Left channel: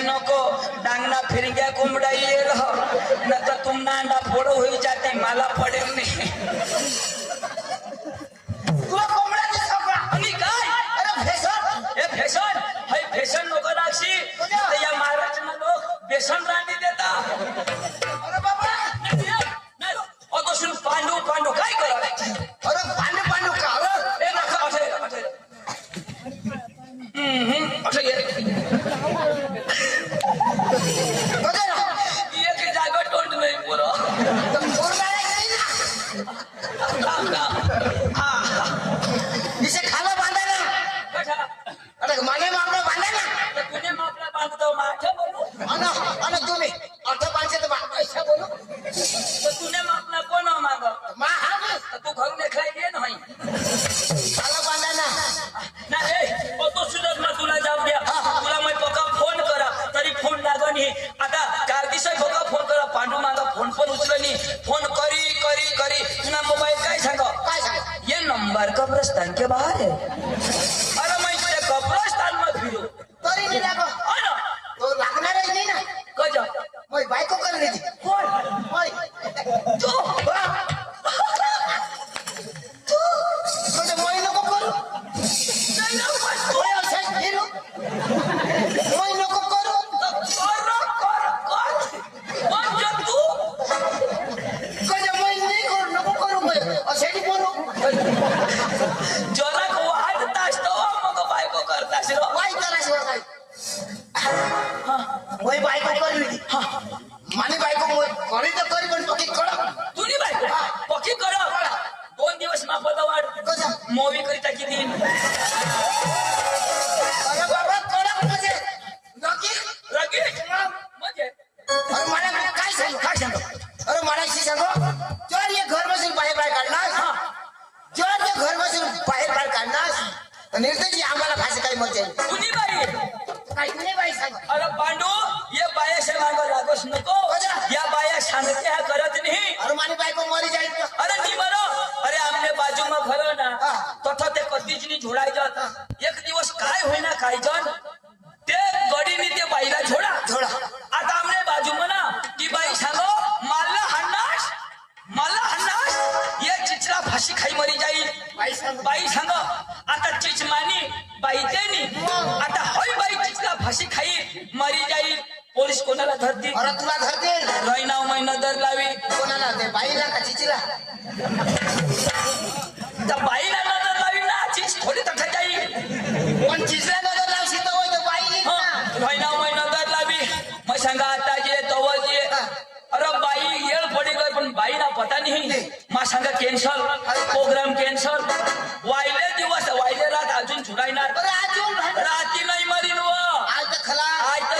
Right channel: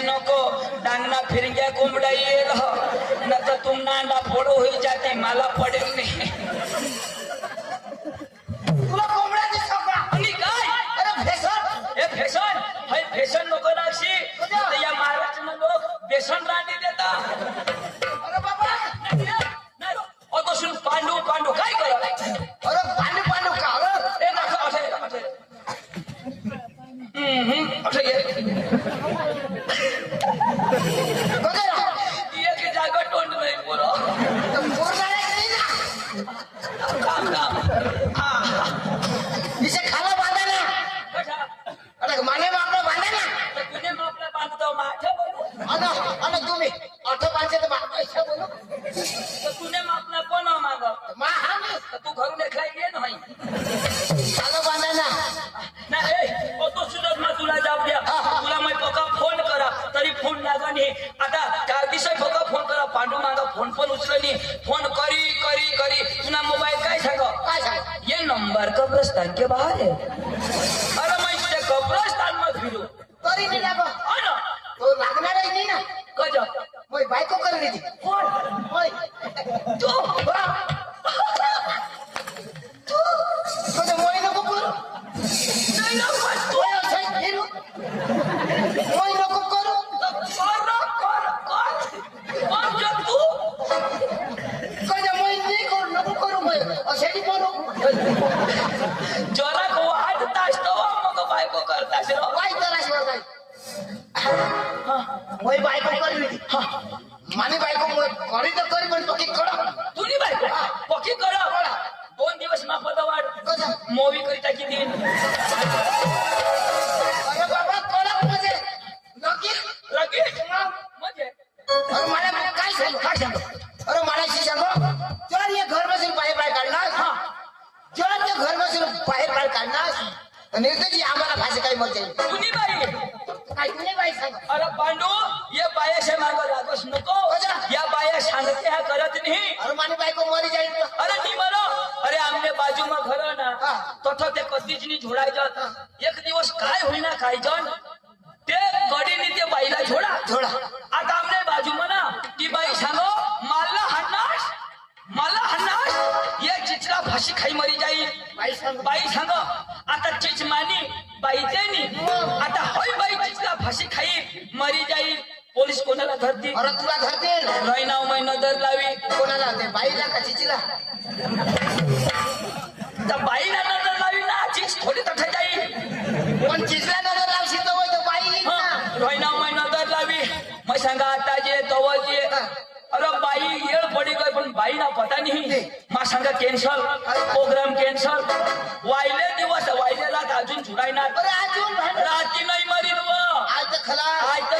नको डांगना फिर गया कुमड़ा ये रहो न तो तुम नांडा फोड़ो हो जाते माला पड़े नहीं तुला कोंबडा दिसला आणि काय अरे फॅशन हे फॅशन नको राक्षी तर या महाराष्ट्रानं लोक बेसन रांडी देतात अरे बाबा नाही अगो सुन पांडू काय करा अरे पांडू का ए ना असं एक जागा तोंड नाही पोरं खाला बांधायला अरे माने मागणं बांधायला तर तुझे मागणं बांधतो माझ्या बोलू आणि तुम्ही अर्थ बांधते तर बोलू तर तुझे मागणं कोण माग तू घरून एकला ये नाही खाला बांधायला नाही तो सुद्धा ना तुला जाऊ द्या तुला मग पक्का फोन करा तरी फोन लागण हे आता चार दिवस पक्का फोन करा पांडू मागा फोन पण उचलनी फोन करी तुला मोबाईल काय सांगा ये नंबर कब्रस्तान के बाहर है अरे मैं इसे कब्रस्तान में फिरू तरी नहीं लागो तो लागणार आहे नाही ना कजा मैं बायको कर रही थी कोण होय तू तो मोई नको करू नाही होय असं फिरू मोई नको करू तू कजा मोई नाही करू नको करू मैं असे की करू जोरा को आठ तास तो मग बायको करता शिरो बाय करा शिरो काय मोई बायको कर रही थी माने बायको मोई करी तर करी पण पकी करा तुनी बायको पकी करा 2 दिवस ना पदवाड कसा मूवी करिता किती अरे बाबा करा म्हणजे नक्की म्हणजे अरे मला काय सांगू अरे मलाशी सांगू जर ये घर बसून बाहेर काढणार जर ते घर बसून बाहेर काढणार निर्दयी आम्हाला भाषा काही मग कुणी बाई सांग अरे पांडू ये बायाशा मागं लागस नको या बाया सांगते हा करत नाही अरे मानी बायको मरी जाईल अरे ती बरो अरे आमने बाजू में घर ना तथा ते कधीच नाही झोडायचं एक दिवस काय होईना काय जण ते गडीने ते बाईला झोडा आता आमने बाजू में ना ती बाई सांगो मला हन्नास ये चिचरा फाशी खाई मरी जाईल बाई सांगो आता चिचमानी बाई तेनी आता होय बाई चिचरा फाशी खाई मरी जाईल पोलीस कोणाला धरतील अरे तुला धरतील महिना महिना दर लावी कोणाला ते बाईला का चिचीला त्या बाईला नजर लावी ना चीज थोडी तठ जाईल पण चिचला नजर लावशी तर बाई महिना दर लावी मग सांगा आता जे तव जे अरे बाई येळ पडी गई पण बाईला पता नाही मग सांगा कॅन्सल प्रोग्राम कॅन्सल वायले रात अजून छुडायणार रात्री नाही मरीन आज तर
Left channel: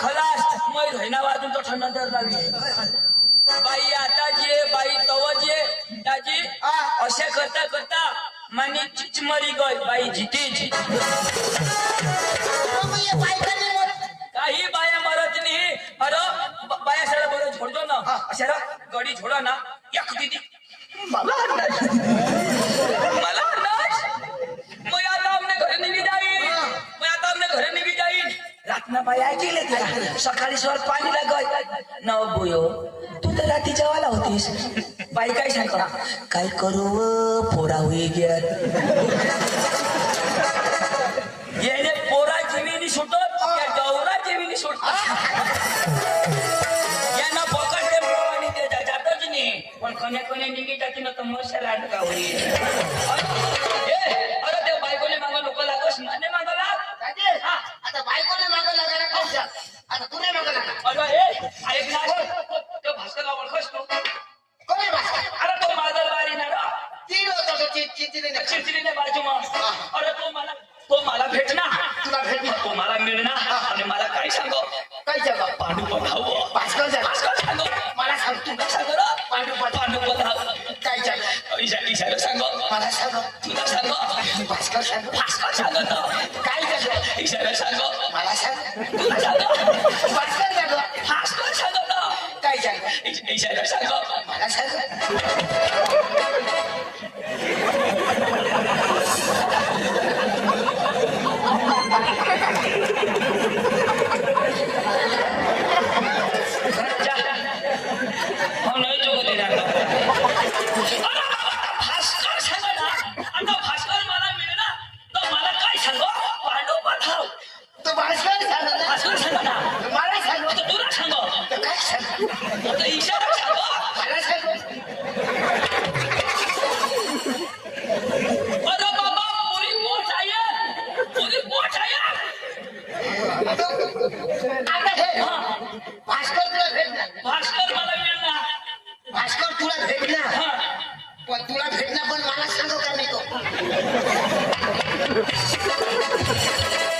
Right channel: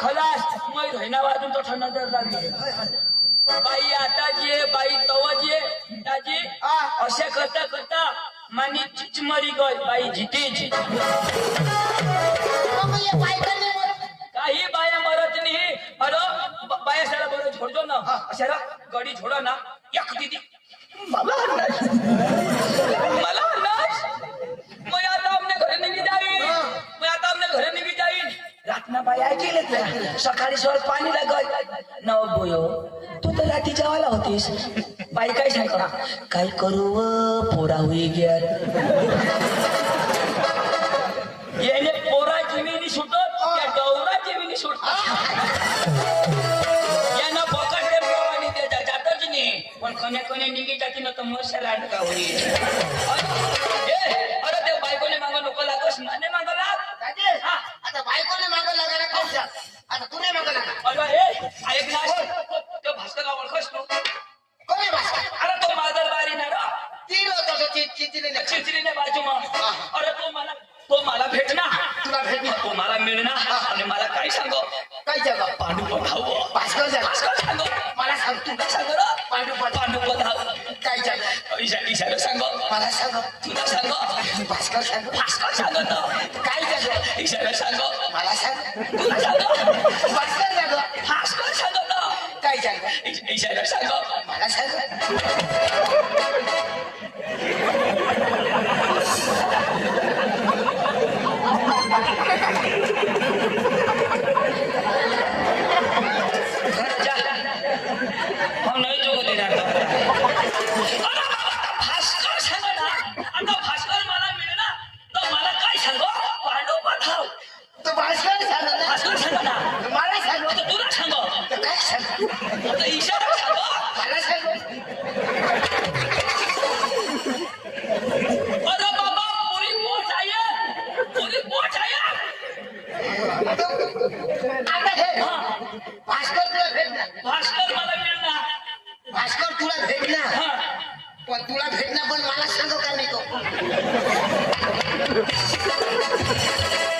खलास मग धैना वाजून तो नजर लावी बाई आता जे बाई तव जे दाजी असे करता मानी चिचमरी गई बाई जितेची काही बाया मरत नाही अरे बाया सारा बोल छोडतो ना अशाला गडी छोडो ना एक दीदी मला मग आता आमने घरे निघी जाईल रातना बाई ऐकले त्या सकाळी सोबत पाणी लागत न बोयो तू तर रात्री जेवायला होतीस बाई काय सांगा काय करू पोरा होई घ्या येणे पोरा जीवीनी सुटत या डवरा जीवीनी सुटत यानं पकडले पाणी देता जातच नाही पण कोण्या निघी टाकी ना तर मशाला अटका होईल अरे ते बायकोने मागं नको लागत शिरीने बाजू मग अरे तो मला भेटणार तुला भेट तो मला मिळणार आणि मला काय सांगो काय जगा पांडू बघावं भास्कर जगा भास्कर सांगो मला सांग तू तुला सांगो ना पांडू पांडू बघावं काय जगा इशारा सांगो मला सांग तुला सांगो भास्कर सांग भास्कर सांगो ना काय जगा इशारा सांगो मला सांग तुला सांगो भास्कर जगा भास्कर सांगो ना काय जगा इशारा सांगो मला सांग भास्कर सांगो ना आता भास्कर मला मिळणार तर मला काय सांगो पांडू बघाव तू भास्कर सांग भास्कर सांगो ना मला सांग आता तुला सांगो तर काय सांग आता इशारा सांगो मला सांग अरे बाबा पुरी पोच आहे पुरी पोच आहे आता हे भास्कर तुला भेटणार भास्कर मला मिळणार भास्कर तुला भेटणार हा. पण तुला भेटणार पण मला सांगू का नाही तो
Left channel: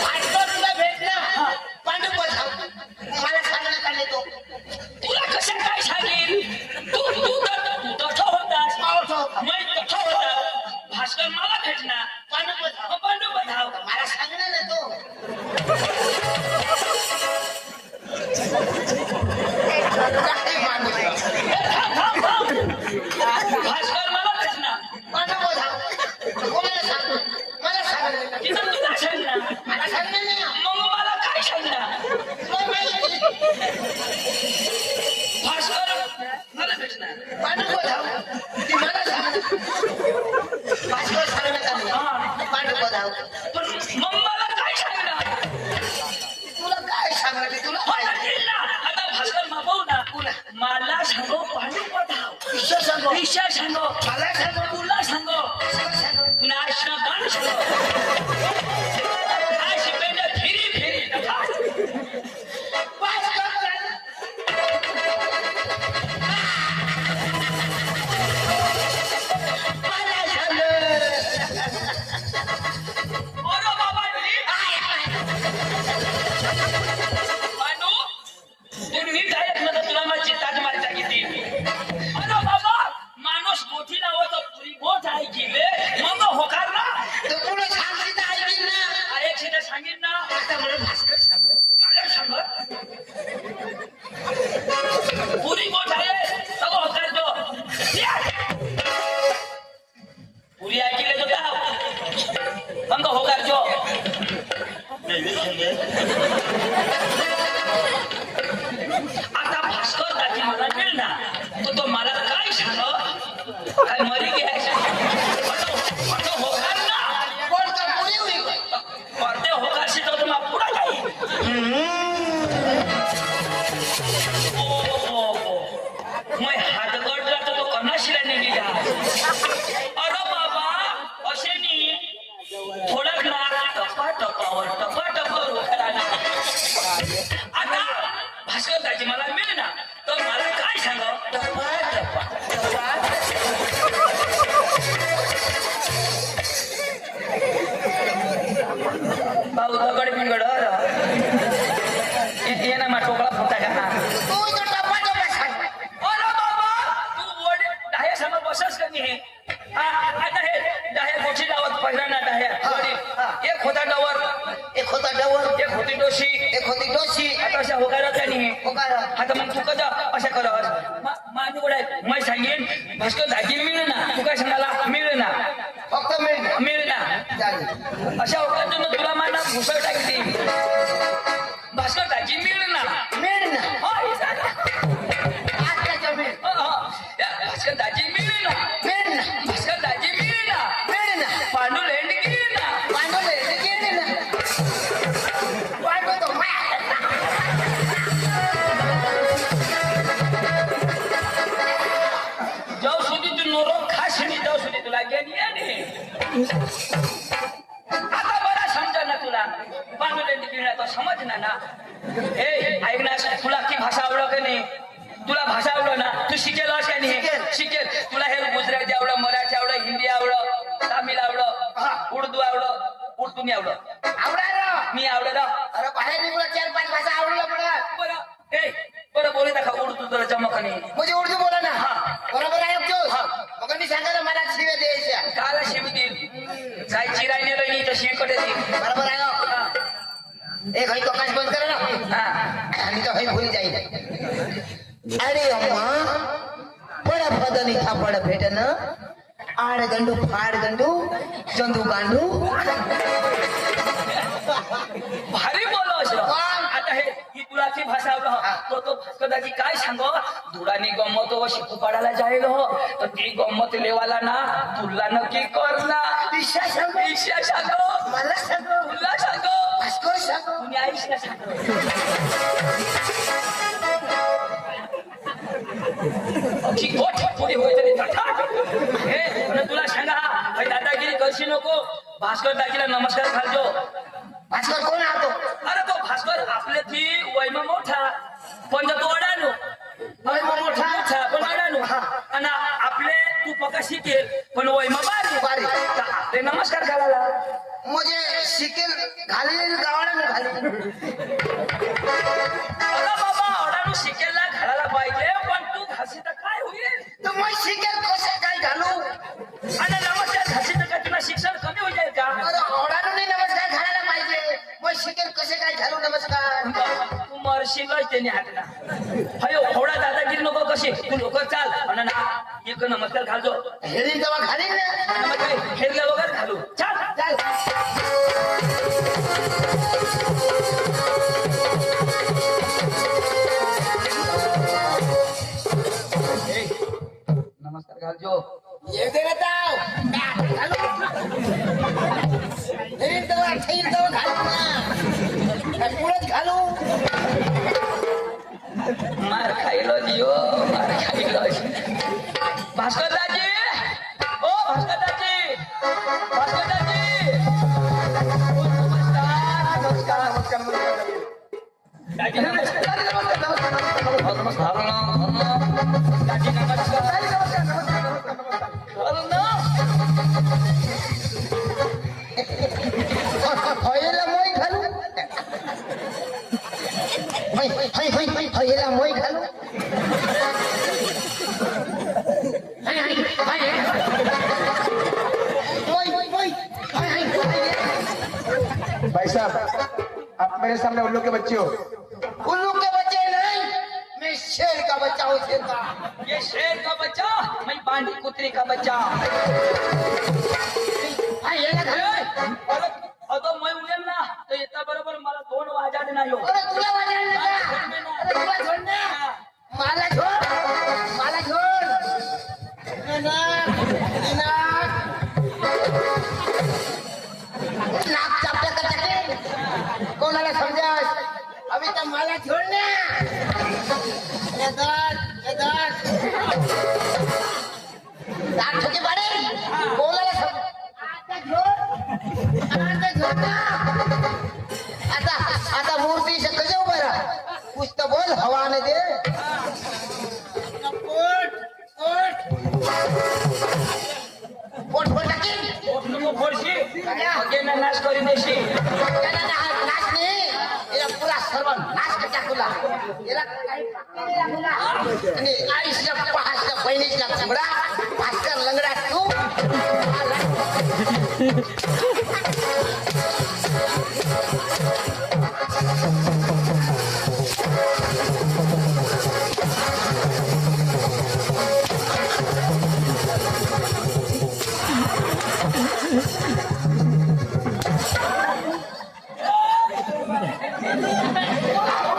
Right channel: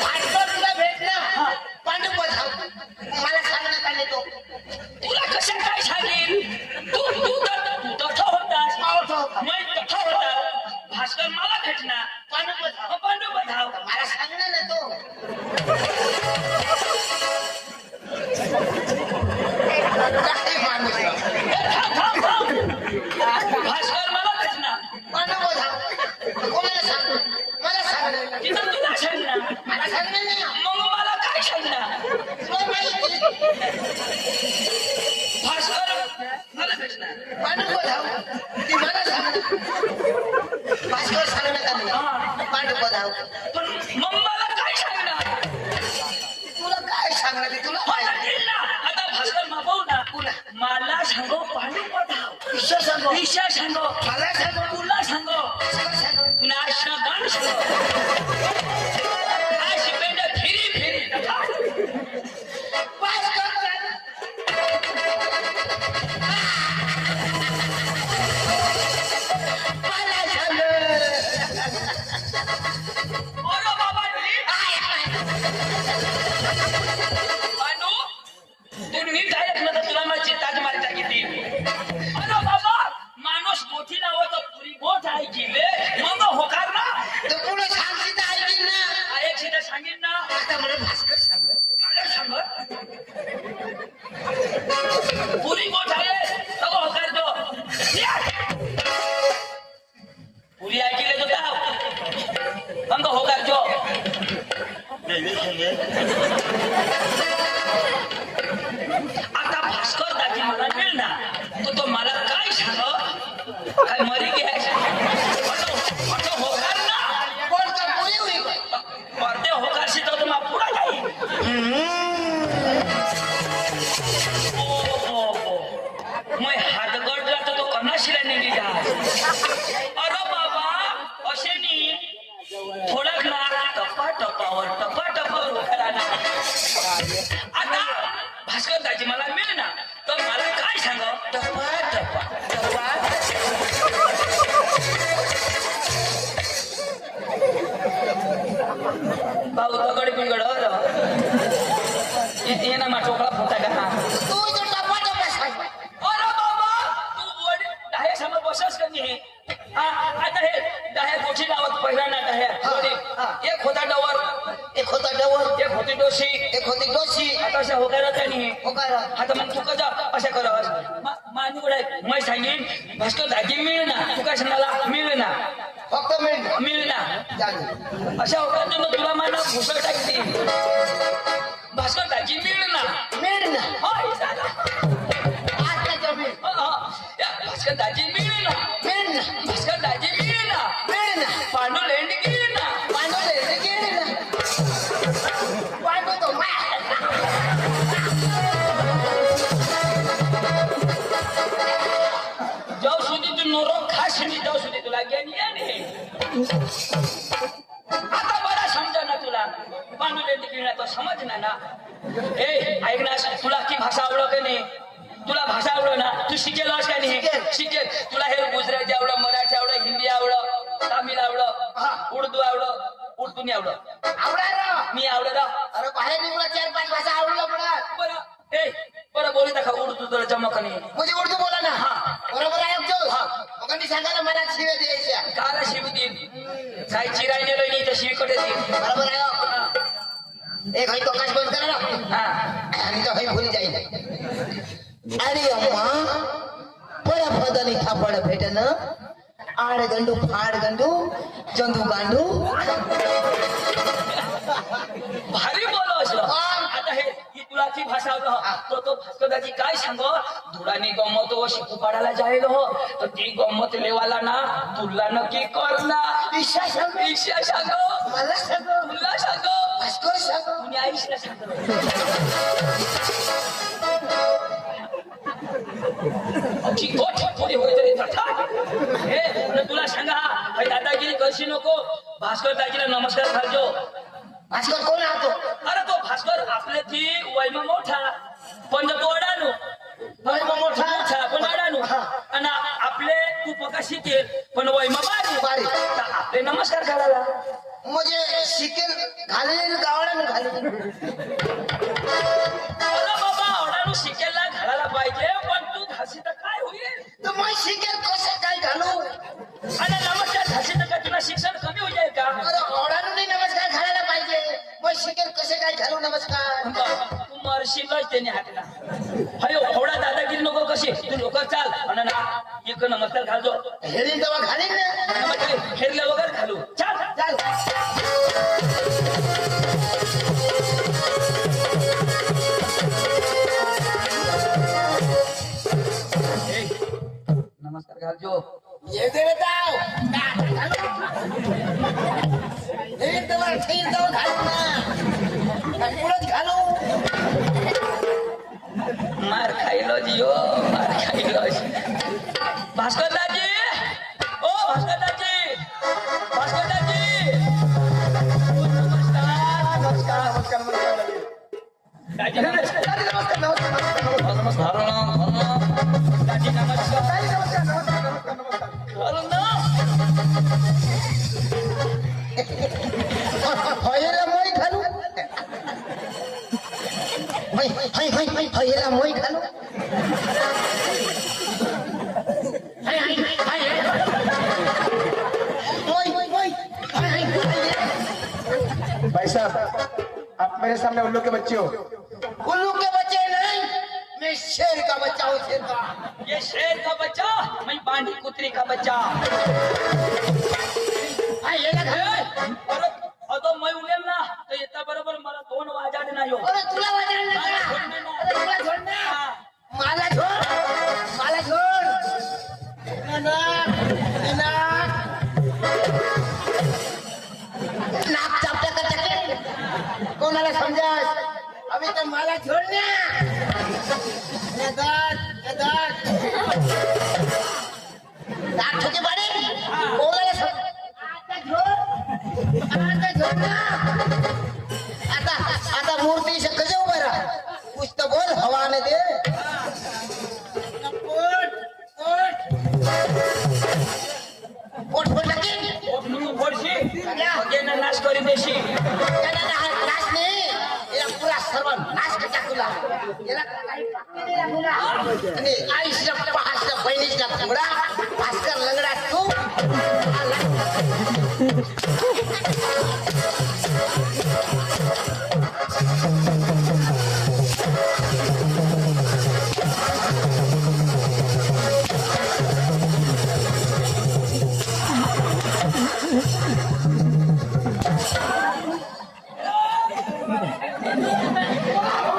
भास्कर तुला भेटणार पांडू बघाव मला सांगणार का नाही तो तुला कशा काय सांगेल तू तसा होतास मी तसा होता भास्कर मला भेटणार पांडू बघाव मला सांगणार ना तो भास्कर मला भेटणार पांडू बघाव कोणाला सांग मला सांगणार का तिथं तुला सांगणार मला सांगणार ना मग मला काय सांगणार तुला माहिती भास्कर मला भेटणार पांडू बघाव ती मला सांगणार भास्कर सांगणार पांडू बघाव पण मग मला काय सांगणार तुला काय सांगणार ते तुला माहिती भेटला आता भास्कर मागवू ना पुन्हा मला सांगो पांडू बघाव ईश्वर सांगो ईशा सांगो मला सांगो तुला सांगो भास्कर सांगो नाचणं गाणं सांगो आज बेटा फिरी फिरी नका भास्कर सांग मला सांग अरे बाबा पांडू तुम्ही काय म्हणता तुला माझी ताज मारता किती अरे बाबा माणूस मोठी लावत पुरी मोठ आहे की रे मग होकार ना तर कोणी सांगितलं ऐकेल ना आयक्षीने सांगितलं ना आता मला भास्कर सांग मला सांग पुरी मोठ आहे तो होकार दो पुरी ऐकले तो गाव मग होकार दो आता भास्कर दाजी मला मिळणार तो मला काय सांग काय मरी घ्यायचं होकार ना कोणतं कोणी होईल पडदे होकार शिकवतो तुम्हाला पुढे काही मैं हात गडला तर तो कणाशीला नेली अरे बाबा असे नी थोडा ना टपा टपावर होकार आला आता भास्कर दाजी मला मिळणार तर मला काय सांग भाऊ रगड बिगड ये ना मा चोकळा फोटा का तू तर टपाटप सांग अरे बाबा तू वडील डाहे समोर बसस कधी हे आता हे डाहे गोची लावत पहिला ना डाहे वडील एक होता डवर एक होता डवर एक होती डोशी एक होती डोशी आता अशा होकारात नाही होकार आता मग तू कजा अशा करावर मानू कडे मैं सांगेन भास्कर दाजी मिळ ना तू काय सांगाला मिळ ना फक्त मिळेल मिळ ना चालेल अशा होकारात तुला मला भुसळ टाकली भास्कर दाजी मिळ ना मिळेल ना होय झाला आज त्याच्यावर मिळेल भास्कर दाजी मिळ ना मिळेल ना भास्कर दाजी मिळ ना मिळेल ना पांडू लेंड गेली ना पांडू लय गेली ना पांडू तो जाऊ સુધી તું નોરો ખાસ ની જાઉં સુધી તું લાગ્યા નહીં ને आता मला समजा ना तुला पांडुले निघणार तो समज ना ए ऐक ना तुला ती भाषा आवडो का नाही तुला भाषा आवडो ना तू शिकेल का नाही शिकेल तुला हे गुजराती आवडं मराठी आवडं हिंदी आवडं तामिळ आवडं तुम्ही आवडा आवडा ना मी आवडा अरे बाहेर निघून 4-5 भाषा आवडल्या पडत बरं ए बरं बोले का उर्दू जरा चमकणे म्हणजे उर्दू बोला ना हा. बरोबर आहे जो हा. मग मी सांगा ना मला शिव्या द्यायच्या काला शिव देईल काय चिराय नेलं नाही तर शिवकडे देईल बरोबर आहे हो. एक हई प्रकाश बंद करा ना हा आणि तो हई भूल जाईल अरे अम्मा बड़ा पदानी थापड भेटन आड गंडू फाड गंडू जंतू गांडू भारी बोलो असं आता हे ही तुलाची भाषा आवडं तो भास्करदाजी काय सांगो धुडाने गमत शिकू पाडायला जायलो हो तर ती गमत लेवाला ना तुला नक्की करला ईशा सांग ईशा सांगो मला सांगो तुला सांगो भास्कर सांगो कुणी आईशला सांगो की गोठ थोडी होय तरी थाट. हे पण तुला सांगा हे दादागिरी करशी नको भास्कर दाजीला नमस्कार घालजो भास्कर कोण आहे तो अरे तो भास्कर आपले ती वैम मोठा पण तो अडाणू वैम मोठा? मोठा पण अडाणू आणि आपले तू पका शिकेल पण वैम बारी बारी. तर आपले नमस्कार घालायला म्हणजे शिकेल घालेल गावडा घालेल अरे बाबा अडाणू शिकेलला घालायला पाहिजे पण तू घासी तर काय होईल तर मग शिकेल कसं काय घालू आणि नमस्कार घासी तर काय तुला शिक्षण कमी होईल का अरे ओढाडून नमस्कार घालायला पाहिजे मग शिकेल कसे काय घालू नमस्कार तू मरशीलच त्याने हातला अरे एवढा दादागिरी नको कशी तू लोक चाल आणि ना एक नमस्कार घालतो हेरी तेव्हा घालील ना नमस्कार हेरल्या वगैरे घालू चाल चाल नमस्कार घालजो येते ना ताव घालू हेरी तेव्हा ठेईल तेव्हा घालू ना पुढंच घालू मार खायलो जिओ मार खायलो भास्कर दाजी ओ भास्कर दाजी भास्कर दाजी नमस्कार नमस्कार नमस्कार नमस्कार दाजी नमस्कार नमस्कार नमस्कार दाजी नमस्कार नमस्कार हयला moi घालू हयला moi घालू भाई साहब आप मेरे सामने उल्लू के बच्चे हो उल्लू के बच्चे नहीं मैं शेर का बच्चा हूँ शेर का ये शेर का बच्चा मैं बांडी कुतरी का बच्चा अरे अगं मैं उडेल ना तर येता बरोबर मला 2 वाजाड नाही हो अरे तुला वाजायला ना अरे तुला छोड ना मला छोड मला छोड नाक चापते तर टाकेल कोणाला समजास अभी तर मला छोड ना दात ठोके पाडे कोणाला समज आता छोड ना आता मूर्ती शक्य जाऊ बरा कुछ तो बोल हवा ने दे कोट कोट कोट फोड लगी नको फोडशी अगे ना नाश करी देशी नाश नाही याला पुरा सर्व नाश टाकूला याला काही पाकळी लागूला आणि आईच्या पहाच्या बहिणीच्या सगळा भास्कर लंगडा तू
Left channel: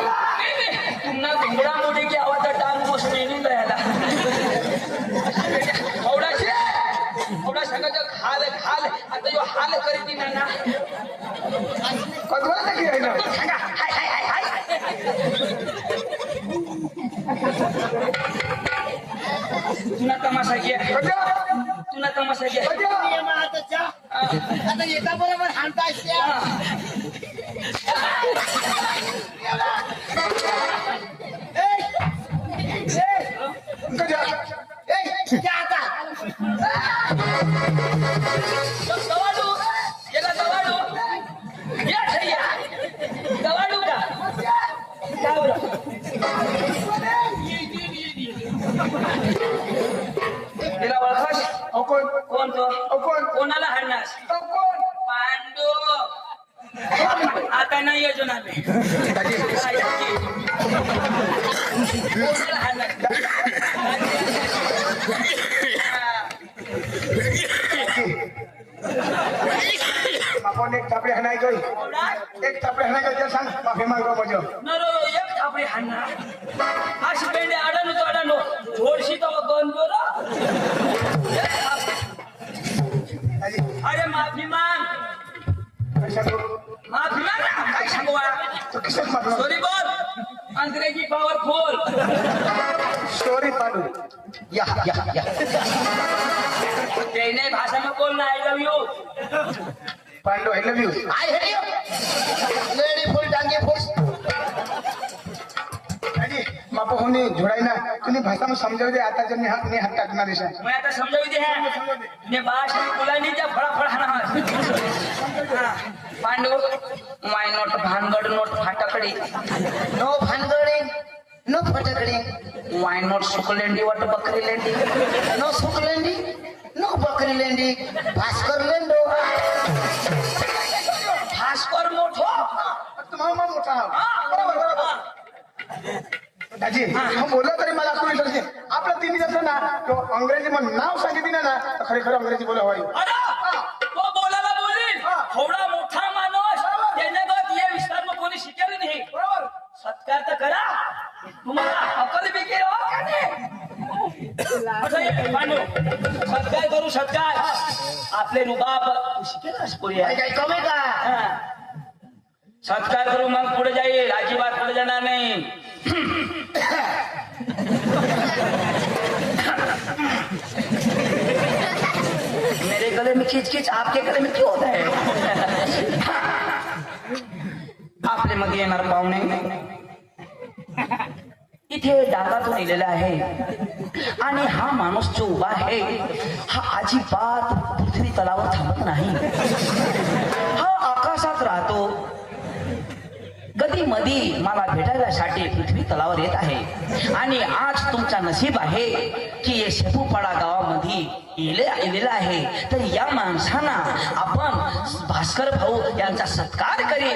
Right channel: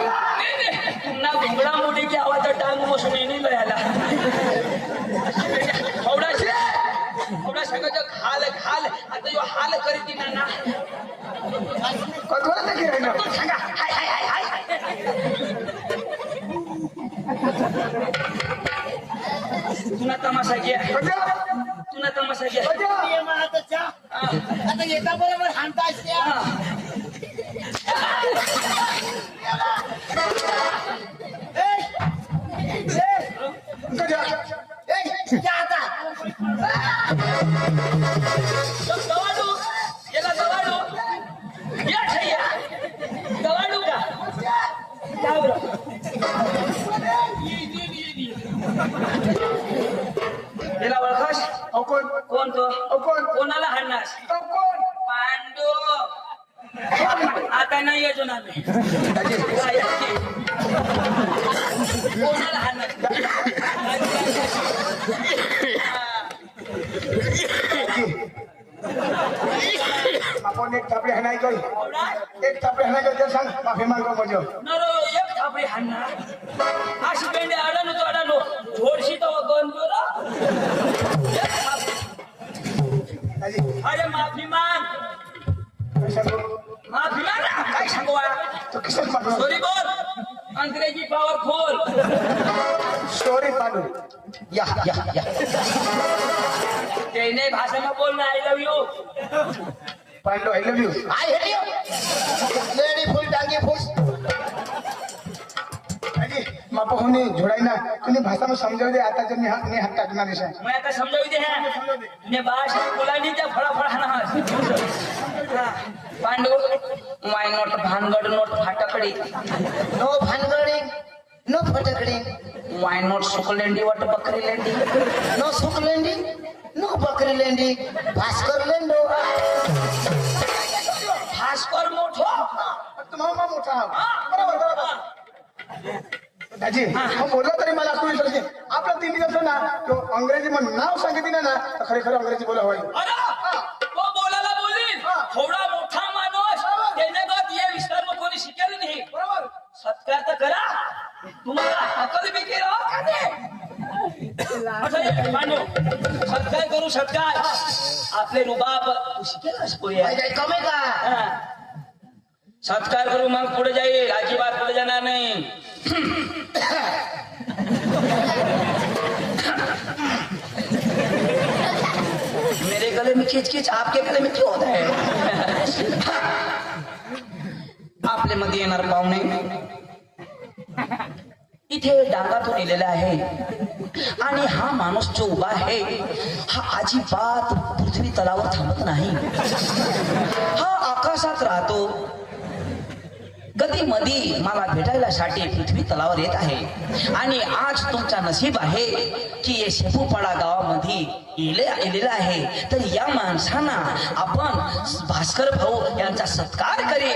ना घुंगडा मोठी की आवाज टांग मोसून येईल यायला एवढा सगळं खाल खाल आता यो हाल करीत ना कधवा नाही आहे ना सांगा हाय हाय हाय हाय तुला तमाशा घे कधवा? तुला तमाशा घे आता येता बरोबर हाणता कधवा? आता जवाडू गेला जवाडू आम्ही दाजी काय आहे? कोणाला हाणणार? आपण एक चापडे हाणाय गई कोणा? एक चापडे हाणाय गई सांग माफी मागतो म्हणजे नरो एक थापडी हाणणार अशी पेंडे अडाणू तो अडाणू थोडशी तर गन दाजी अरे माफी माग सांगू माफी माग ना. काय सांगू मला? तू कशात मागला सॉरी बोल अंग्रेजी पॉवरफुल सॉरी पाडू या त्याने भाषेમાં बोल ना I love you Pandu I love you I hate you lady फुल टांगे फुल दाजी मापा होनी जोड़ाई ना तूने भाषा में समझाओ दे आता जब ने हाथ काटना दिशा मैं आता समझावी दे है ने भाषा में बोला नहीं त्या फळा हाना पांडू माय नोट भानगड नोट फाटाकडी नो भानगडी नो फटाकडी वाय नोट सुकलेंडी वाट बकरी लेंडी नो सुकलेंडी नो बकरी लेंडी भास्कर लेंडो भास्कर मोठो तुम्हाला मोठा दाजी हम बोललो तरी मला तू विसरते आपलं तिन्ही कसं ना तो अंग्रेजी मध्ये नाव सांगितली ना तर खरे खरं अंग्रेजी बोला हवाई अरे तो बोलायला बोलील थोडा मोठा माणूस त्याने बात या विस्तार कोणी शिकेल नाही बरोबर सत्कार तर करा तुम्हाला अकल बी केलं पांडू सत्कार करू सत्कार आपले रुबाब शिकेलच पुढे काय कमी का सत्कार करू मग पुढे जाईल अजिबात पुढे जाणार नाही मेरे गले में खींच खींच आपके गले में क्यों होता है आपले मध्ये येणार पाहुणे इथे डांगातून लिहिलेला आहे आणि हा माणूस जो उभा आहे हा अजिबात पृथ्वी तलावर थांबत नाही हा आकाशात राहतो कधी मधी मला भेटायलासाठी पृथ्वी तलावर येत आहे आणि आज तुमचा नशीब आहे की हे शेपूपाडा गावामध्ये येलेला आहे तर या माणसांना आपण भास्कर भाऊ यांचा सत्कार करी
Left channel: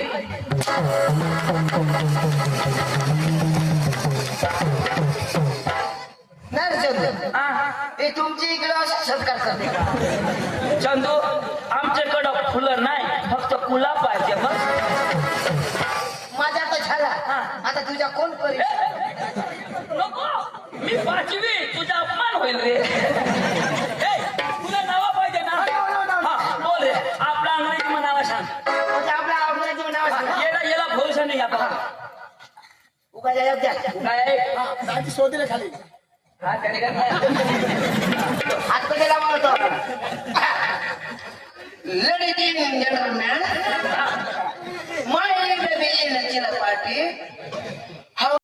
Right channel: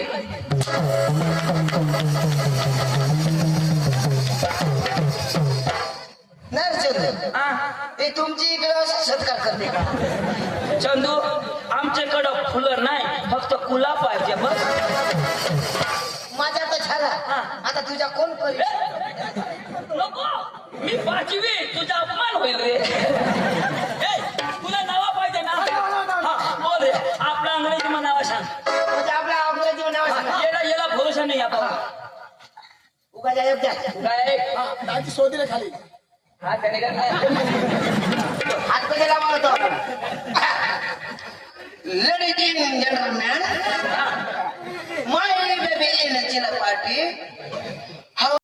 हे तुमची इकडं सत्कार करते का चंदू आमच्याकडं फुलं नाही फक्त कुला पाहिजे बस माझा तर झाला आता तुझ्या कोण करेल नको मी पाचवी तुझा अपमान होईल रे तुला नावा पाहिजे ना बोल रे आपला अंग्रेजी मध्ये नावा सांग म्हणजे आपल्या अंग्रेजी नाव सांगा याला भरोसा नाही आपण उगा जाय काय दाजी शोधले खाली हा त्याने काय हात पडेला मारतो ladies end gentleman my baby in chilla party